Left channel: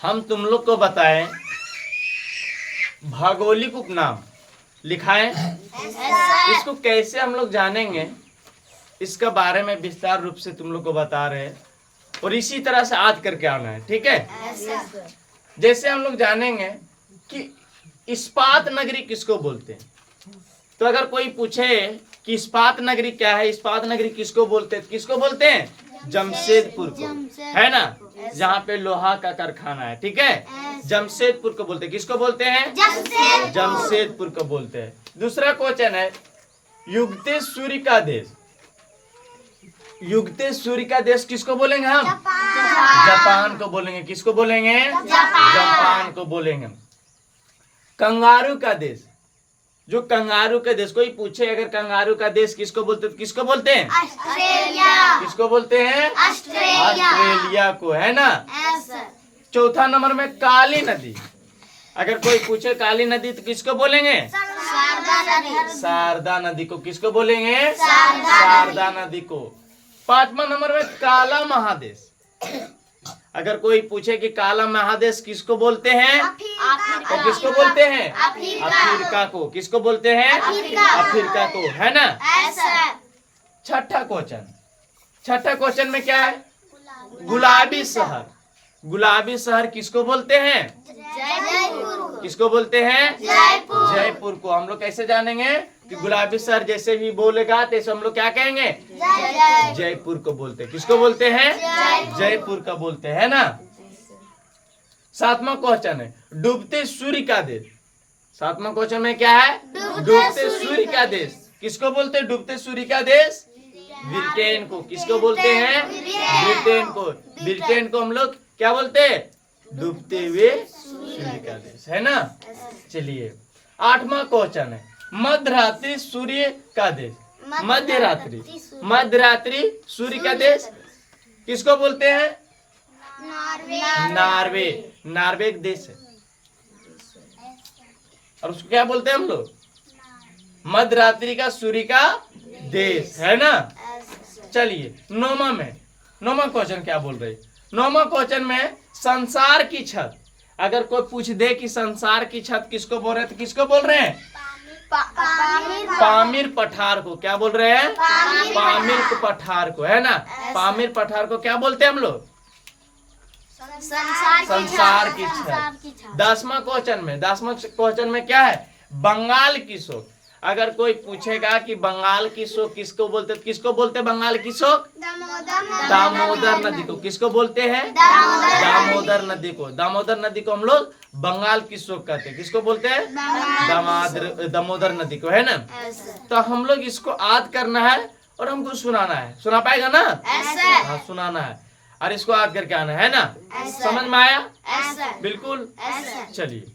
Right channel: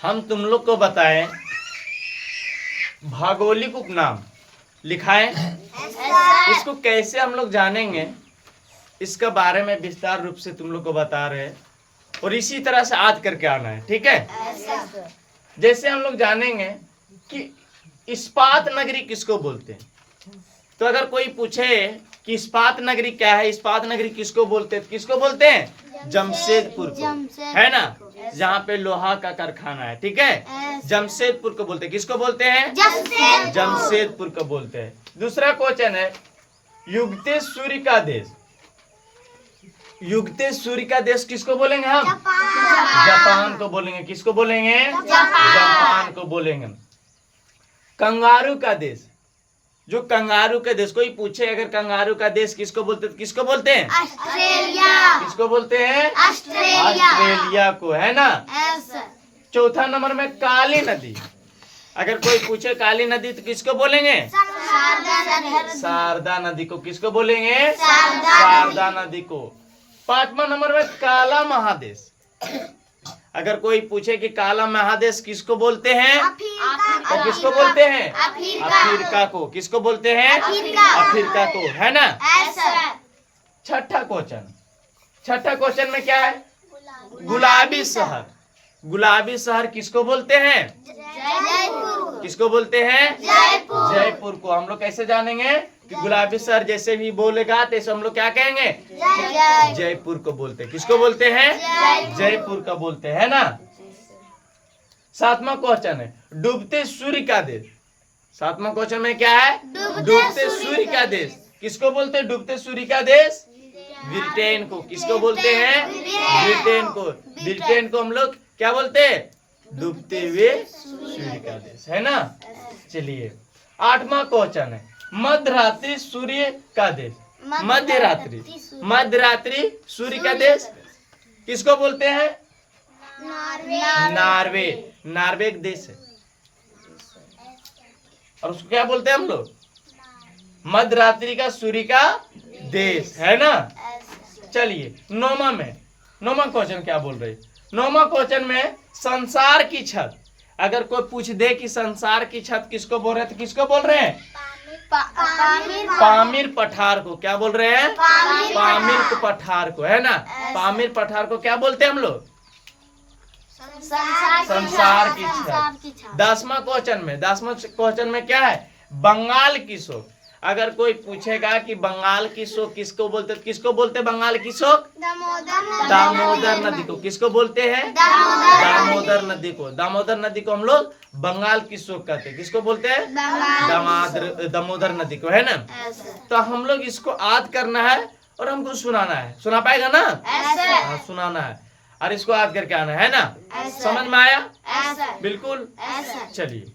हम तुम लोग को बताएं भौगोलिक उपनाम लिखा है, इसको कैसे हम लोग जानेंगे इसका बारे में विस्तार रूप से तुम लोग को बता रहे हैं और इसी तरह से आज करके आना है, ठीक है। जैसे हम लोग जानेंगे कि इस्पात नगरी किसको बोलते हैं, तो अगर कोई पूछे कि इस्पात नगरी क्या है, इस्पात नगरी किसको बोलते हैं, किसको बोलते हैं, जमशेदपुर को, है ना, जहाँ पे लोहा का कारखाना है, ठीक है, जमशेदपुर को बोलते हैं। किसको बोलते हैं, जमशेदपुर को बोलते हैं। दूसरा क्वेश्चन है युगते सूर्य का देश, युगते सूर्य का देश किसको बोलेंगे हम, जापान को बोलेंगे। किसको बोलेंगे, जापान को बोलेंगे। कंगारू का देश, जो कंगारू का देश, कोई पूछे अगर कंगारू का देश किसको बोलते हैं, तो किसको बोलते हैं, ऑस्ट्रेलिया। किसको बोलते हैं, ऑस्ट्रेलिया को, है ना। चौथा नंबर में काली नदी, अगर कोई पूछे काली नदी तो किसको बोलेंगे, शारदा नदी को। किसको बोलेंगे, शारदा नदी को। पांचवा नंबर में काला महादेश, अगर कोई पूछे कि काला महादेश किसको बोलते हैं, तो किसको बोलते हैं, अफ्रीका को। किसको बोलते हैं, अफ्रीका को, है ना। छठा क्वेश्चन, छठा क्वेश्चन में क्या है, गुलाबी शहर, गुलाबी शहर किसको बोलते हैं, किसको बोलते हैं, जयपुर को। हम लोग कैसे जानेंगे कि गुलाबी शहर जैसे भी बोलेगा तैसे हम लोग क्या कहेंगे, जयपुर को बोलते हैं। किसको बोलते हैं, जयपुर को बोलते हैं, ना। सातवां क्वेश्चन है डूबते सूर्य का देश, सातवां क्वेश्चन में क्या है, डूबते सूर्य का देश किसको बोलते हैं, डूबते सूर्य का देश ब्रिटेन को। किसको बोलते हैं, ब्रिटेन को। ब्रिटेन को हम लोग क्या बोलते हैं, डूबते हुए सूर्य का देश, है ना। चलिए आठवां क्वेश्चन है मध्यरात्रि सूर्य का देश, मध्यरात्रि, मध्यरात्रि सूर्य का देश किसको बोलते हैं, नॉर्वे, नॉर्वे एक देश है और उसको क्या बोलते हैं हम लोग, मध्यरात्रि का सूर्य का देश, है ना। चलिए नौवां में, नौवां क्वेश्चन क्या बोल रहे, नौवां क्वेश्चन में संसार की छत, अगर कोई पूछ दे कि संसार की छत किसको बोल रहे हैं, तो किसको बोल रहे हैं, पामीर पठार को। क्या बोल रहे हैं, पामीर पठार को, है ना। पामीर पठार को क्या बोलते हैं हम लोग, संसार की छत। 10वां क्वेश्चन में, 10वां क्वेश्चन में क्या है, बंगाल की शोक, अगर कोई पूछेगा कि बंगाल की शोक किसको बोलते, किसको बोलते हैं बंगाल की शोक, दामोदर नदी को। किसको बोलते हैं, दामोदर नदी को। दामोदर नदी को हम लोग बंगाल की शोक कहते हैं। किसको बोलते हैं, दामोदर नदी को, है ना। तो हम लोग इसको याद करना है और हमको सुनाना है, सुना पाएगा ना, हाँ सुनाना है और इसको याद करके आना है ना। समझ में आया, बिल्कुल। चलिए